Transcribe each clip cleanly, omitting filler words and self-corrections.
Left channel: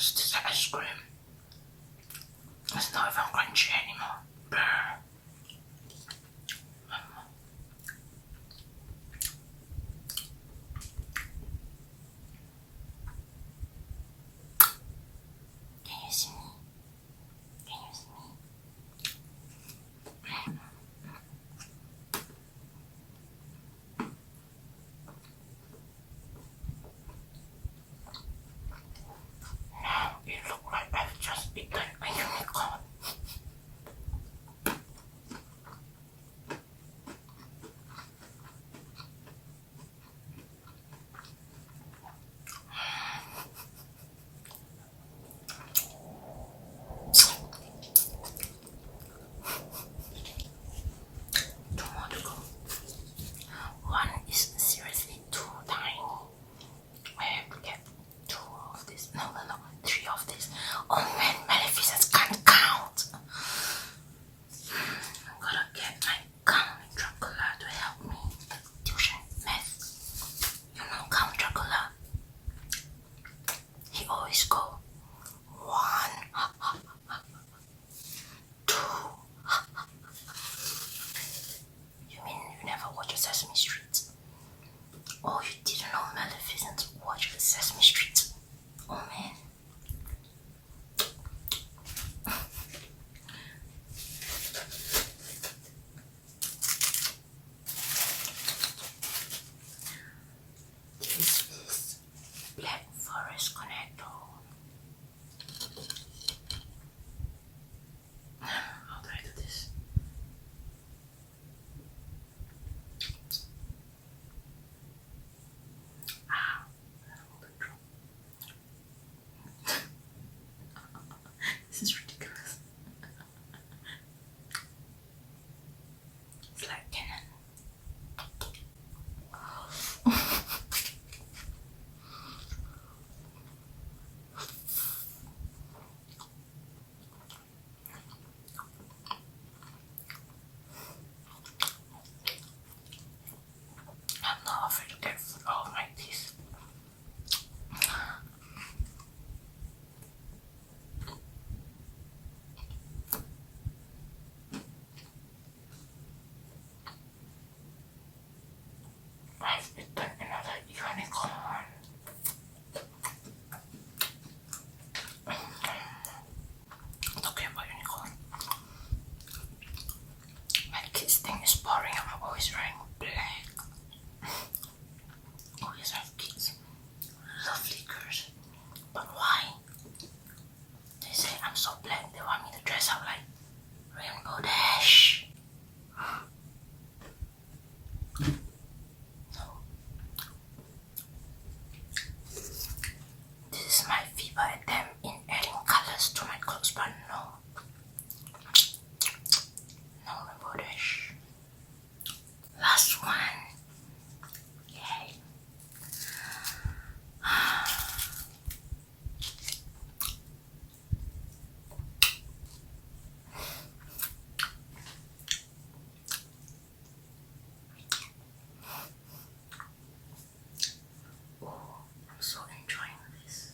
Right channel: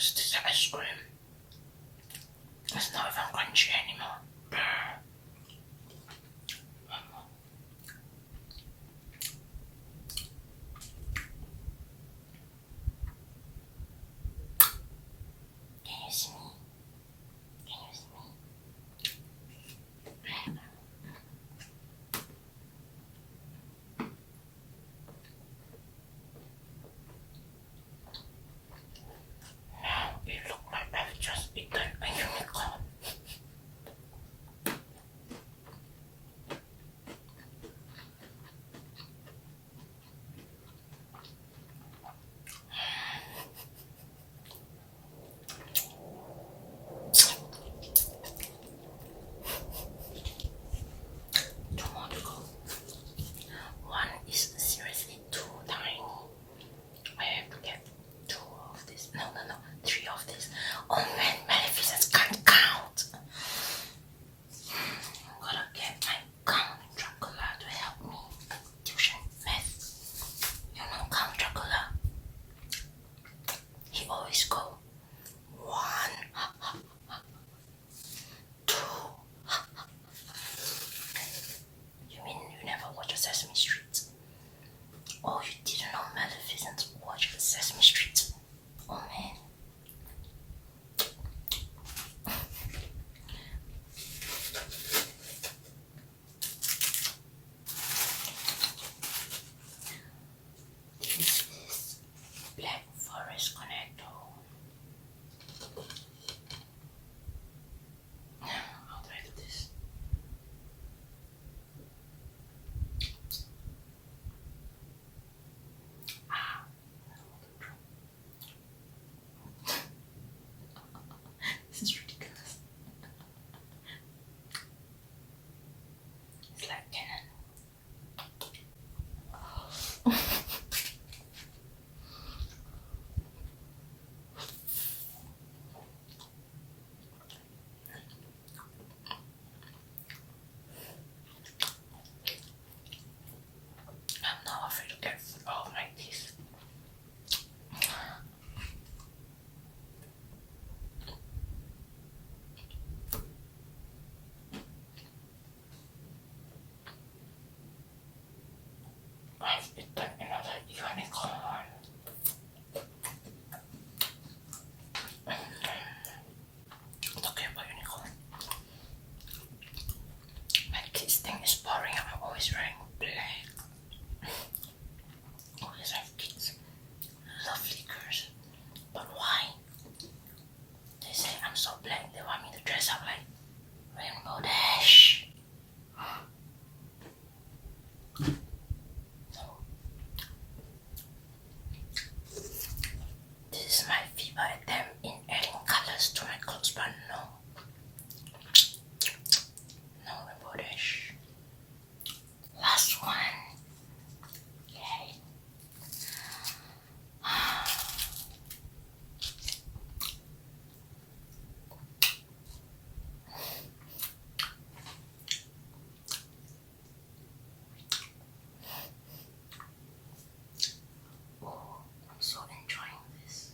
gross. This ice cream. It's not even crunchy anymore. Brr. Can you see me? Can you see me? Now it looks like I've just eaten a unicorn. Two more to go. One is seriously too tiny. I have to get two of this. No, three of this. Oh man, Maleficent can't count. I'm gonna get my Count Dracula to help me. Tuition math. You know Count Dracula? He always go 1, 2. You mean you never watch Sesame Street? Oh, you didn't know Maleficent watched Sesame Street? Oh man. This is Black Forest Connector. How do I do this? This is ridiculous. It's like Canon. I'm not afraid to get food all of my teeth. I've eaten another unicorn. Talking about unicorn. My kids think it's boring. I'm always wearing black. Always have kids. Lovely girls. But why? They say I'm so black. They want me to dress up like Rainbow Dash. No. This is my feeble attempt in adding colors to my clothes, but no. No Rainbow Dash. Last one. Yay. Oh, I'm so enjoying this.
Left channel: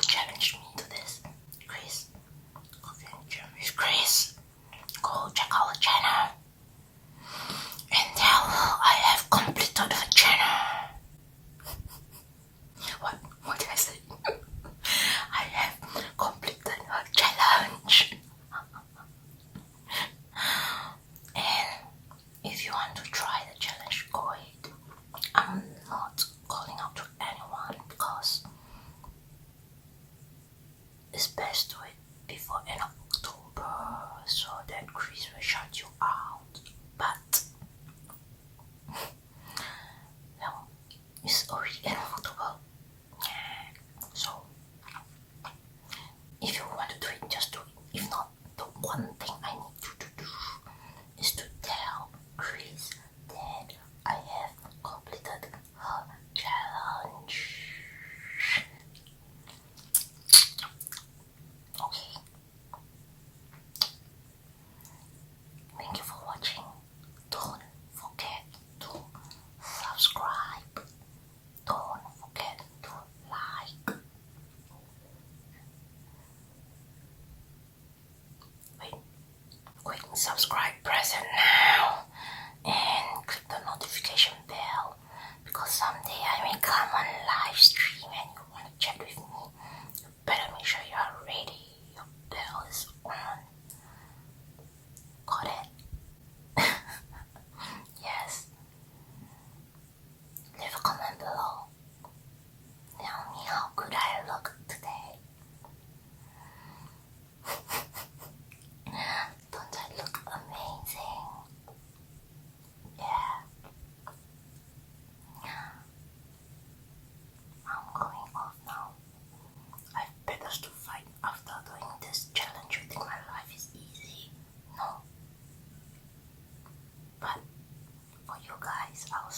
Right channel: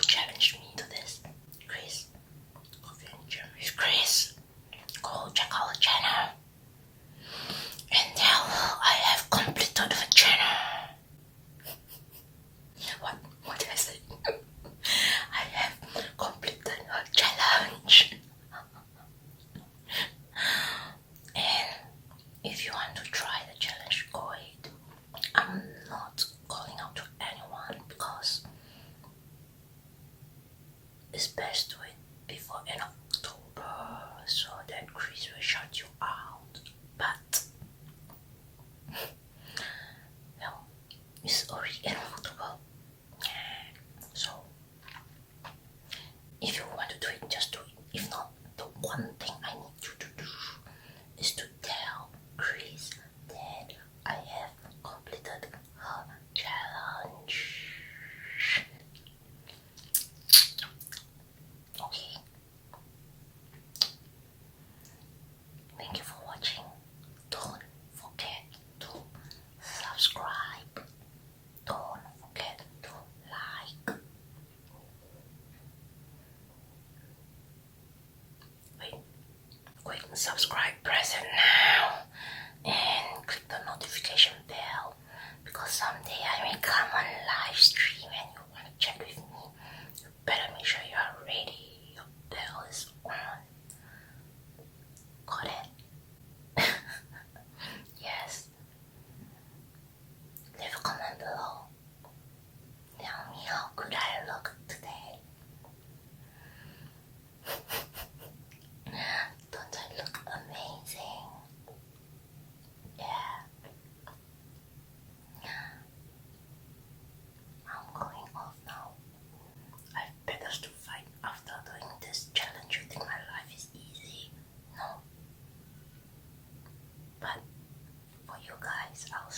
who challenged me to this. Chris. Chris. Go check out the channel. And now I have completed the channel. What did I say? I have completed her challenge. And if you want to try the challenge, go ahead. I'm not calling out to anyone because it's best to do it before end of October so that Chris will shut you out. But well, it's already end of October. So if you want to do it, just do it. If not, the one thing I need you to do is to tell Chris that I have completed her challenge. Okay. Thank you for watching. Don't forget to subscribe. Don't forget to like. Quick subscribe, press it now, and click the notification bell because someday I may come on live stream and you want to chat with me. You better make sure you are ready. Your bell is on. Got it? Yes. Leave a comment below. Tell me how good I look today. Don't I look amazing? Yeah. I'm going off now. I have better to fight after doing this challenge. You think my life is easy? No. But for you guys, I'll